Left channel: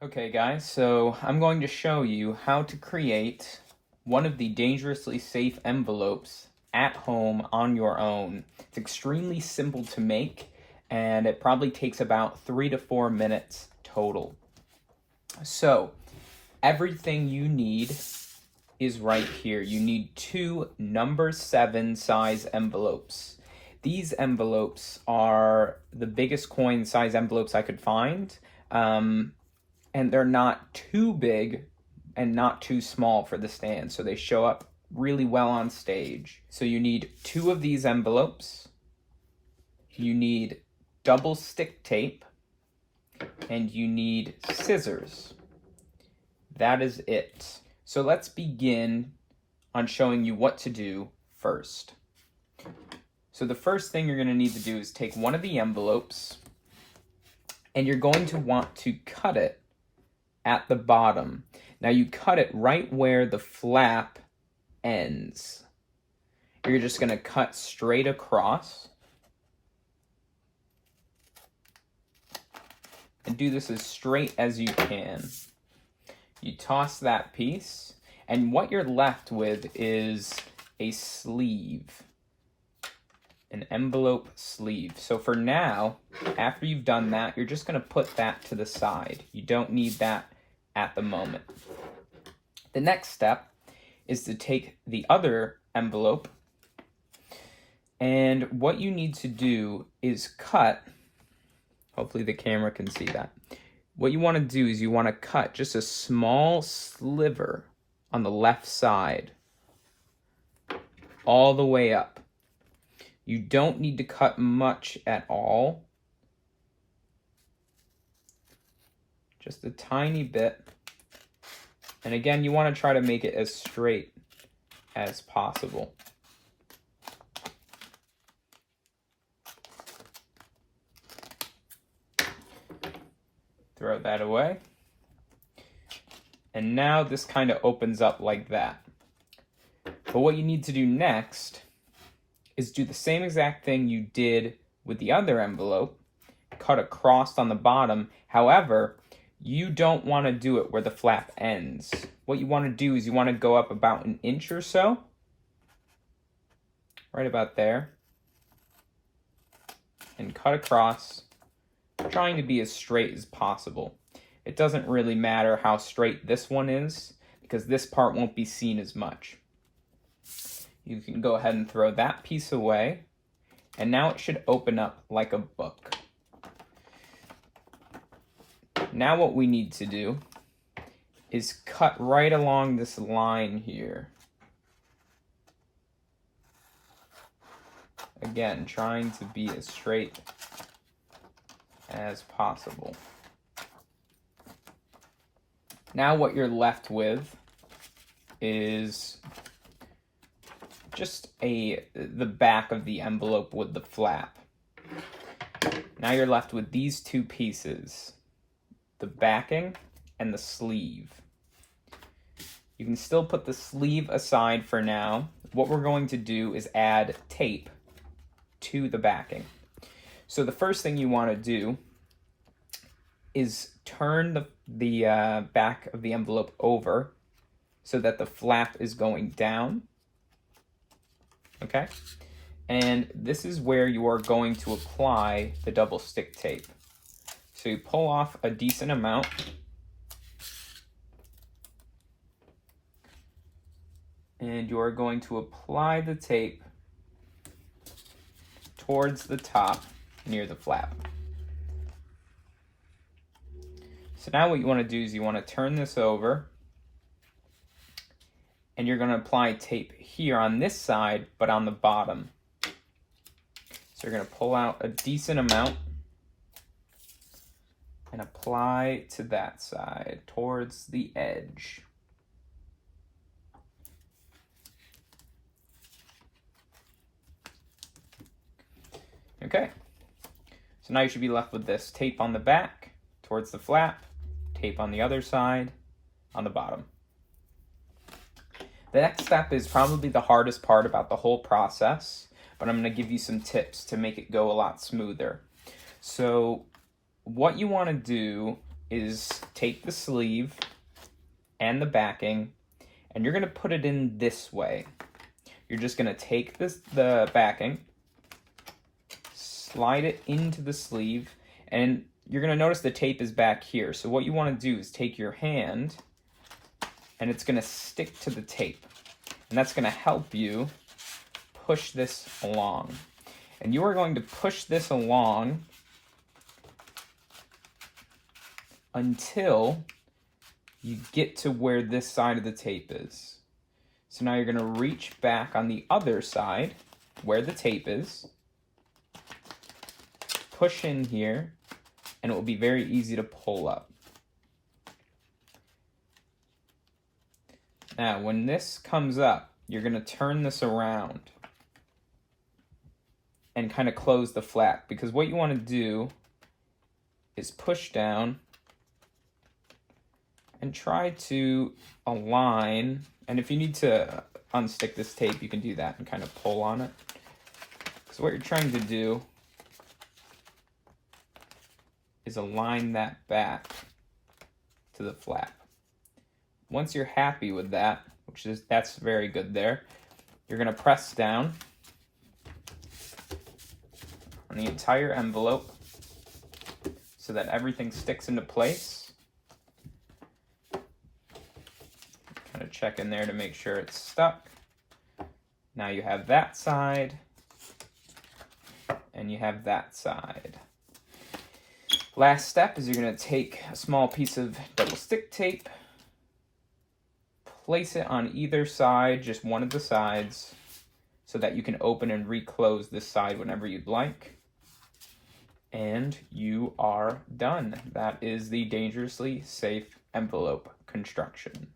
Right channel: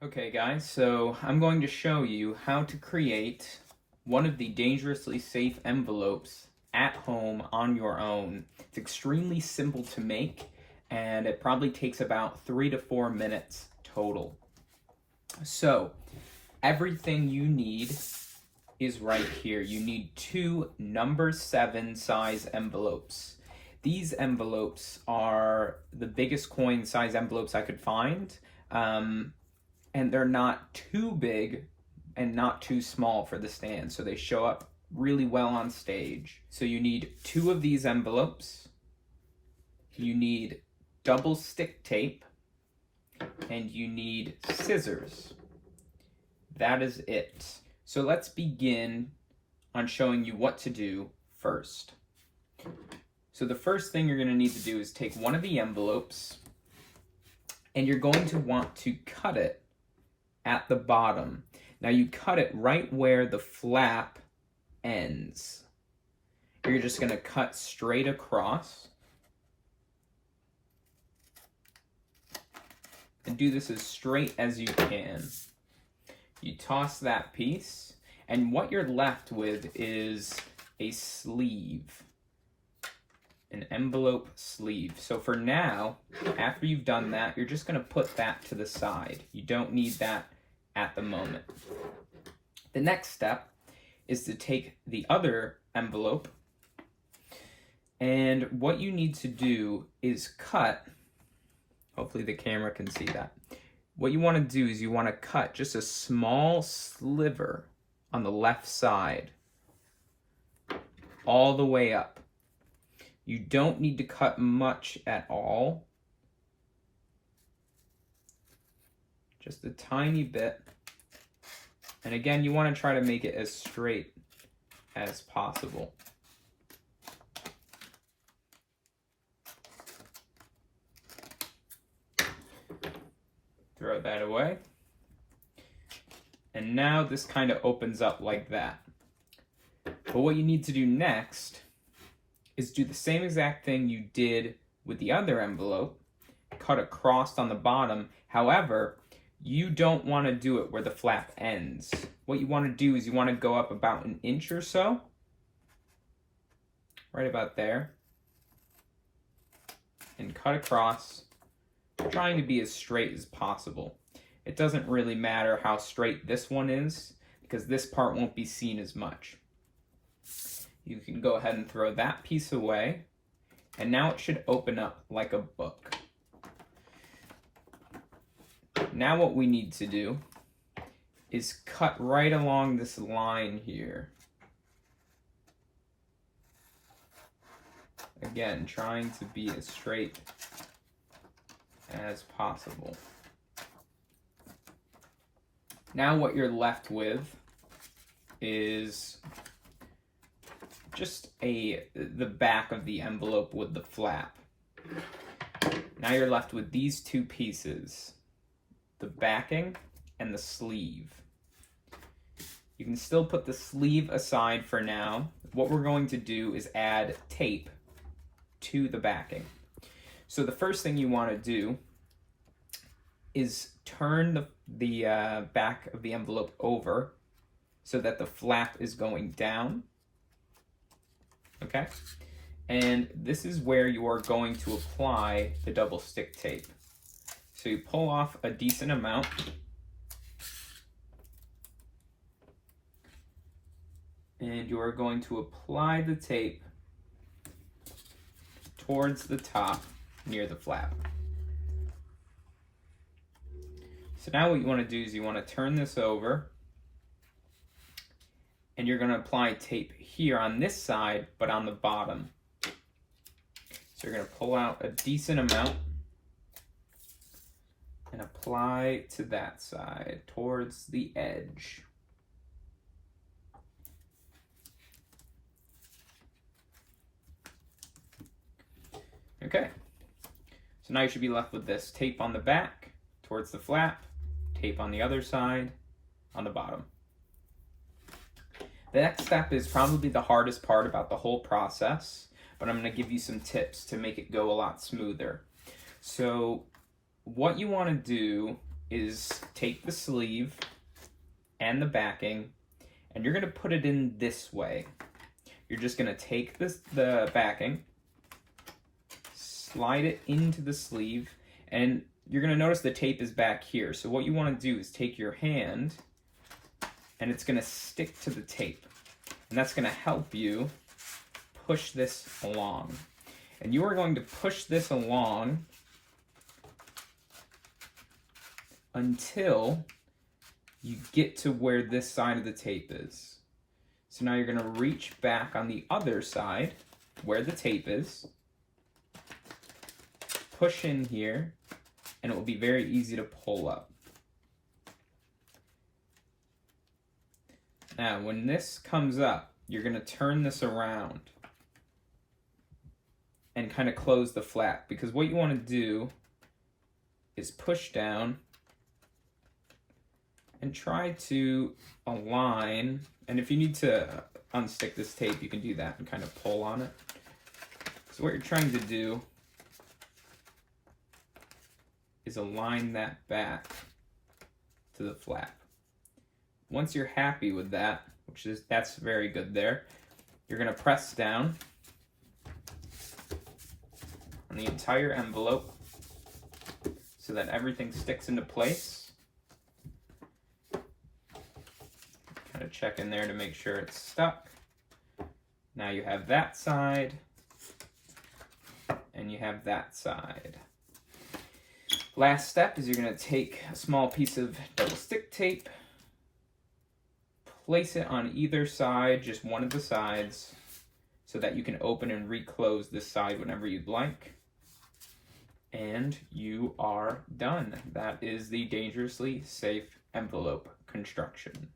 Okay guys, so I'm going to show you how to create one of the dangerously safe envelopes at home on your own. It's extremely simple to make and it probably takes about 3 to 4 minutes total. So everything you need is right here. You need 2 number 7 size envelopes. These envelopes are the biggest coin size envelopes I could find. And they're not too big and not too small for the stand, so they show up really well on stage. So you need 2 of these envelopes, you need double stick tape, and you need scissors. That is it. So let's begin on showing you what to do first. So the first thing you're going to need to do is take one of the envelopes, and you're going to want to cut it at the bottom. Now you cut it right where the flap ends. You're just going to cut straight across. And do this as straight as you can. You toss that piece, and what you're left with is a sleeve. An envelope sleeve. So for now, after you've done that, you're just going to put that to the side. You don't need that at the moment. The next step is to take the other envelope, and what you need to do is cut, hopefully the camera can see that. What you want to do is you want to cut just a small sliver on the left side all the way up. You don't need to cut much at all. Just a tiny bit. And again, you want to try to make it as straight as possible. Throw that away. And now this kind of opens up like that. But what you need to do next is do the same exact thing you did with the other envelope, cut across on the bottom. However, you don't want to do it where the flap ends. What you want to do is you want to go up about an inch or so, right about there, and cut across, trying to be as straight as possible. It doesn't really matter how straight this one is, because this part won't be seen as much. You can go ahead and throw that piece away, and now it should open up like a book. Now what we need to do is cut right along this line here. Again, trying to be as straight as possible. Now what you're left with is just the back of the envelope with the flap. Now you're left with these 2 pieces, the backing and the sleeve. You can still put the sleeve aside for now. What we're going to do is add tape to the backing. So the first thing you want to do is turn the back of the envelope over so that the flap is going down. Okay? And this is where you are going to apply the double stick tape. So you pull off a decent amount. And you are going to apply the tape towards the top near the flap. So now what you want to do is you want to turn this over, and you're going to apply tape here on this side, but on the bottom. So you're going to pull out a decent amount and apply to that side, towards the edge. Okay, so now you should be left with this tape on the back, towards the flap, tape on the other side, on the bottom. The next step is probably the hardest part about the whole process, but I'm going to give you some tips to make it go a lot smoother. So what you want to do is take the sleeve and the backing, and you're going to put it in this way. You're just going to take the backing, slide it into the sleeve, and you're going to notice the tape is back here. So what you want to do is take your hand, and it's going to stick to the tape. And that's going to help you push this along. And you are going to push this along until you get to where this side of the tape is. So now you're going to reach back on the other side where the tape is, push in here, and it will be very easy to pull up. Now, when this comes up, you're going to turn this around and kind of close the flap, because what you want to do is push down and try to align. And if you need to unstick this tape, you can do that and kind of pull on it. So what you're trying to do is align that back to the flap. Once you're happy with that, that's very good there, you're going to press down on the entire envelope so that everything sticks into place. Kind of check in there to make sure it's stuck. Now you have that side, and you have that side. Last step is you're going to take a small piece of double stick tape, place it on either side, just one of the sides, so that you can open and reclose this side whenever you'd like. And you are done. That is the dangerously safe envelope construction.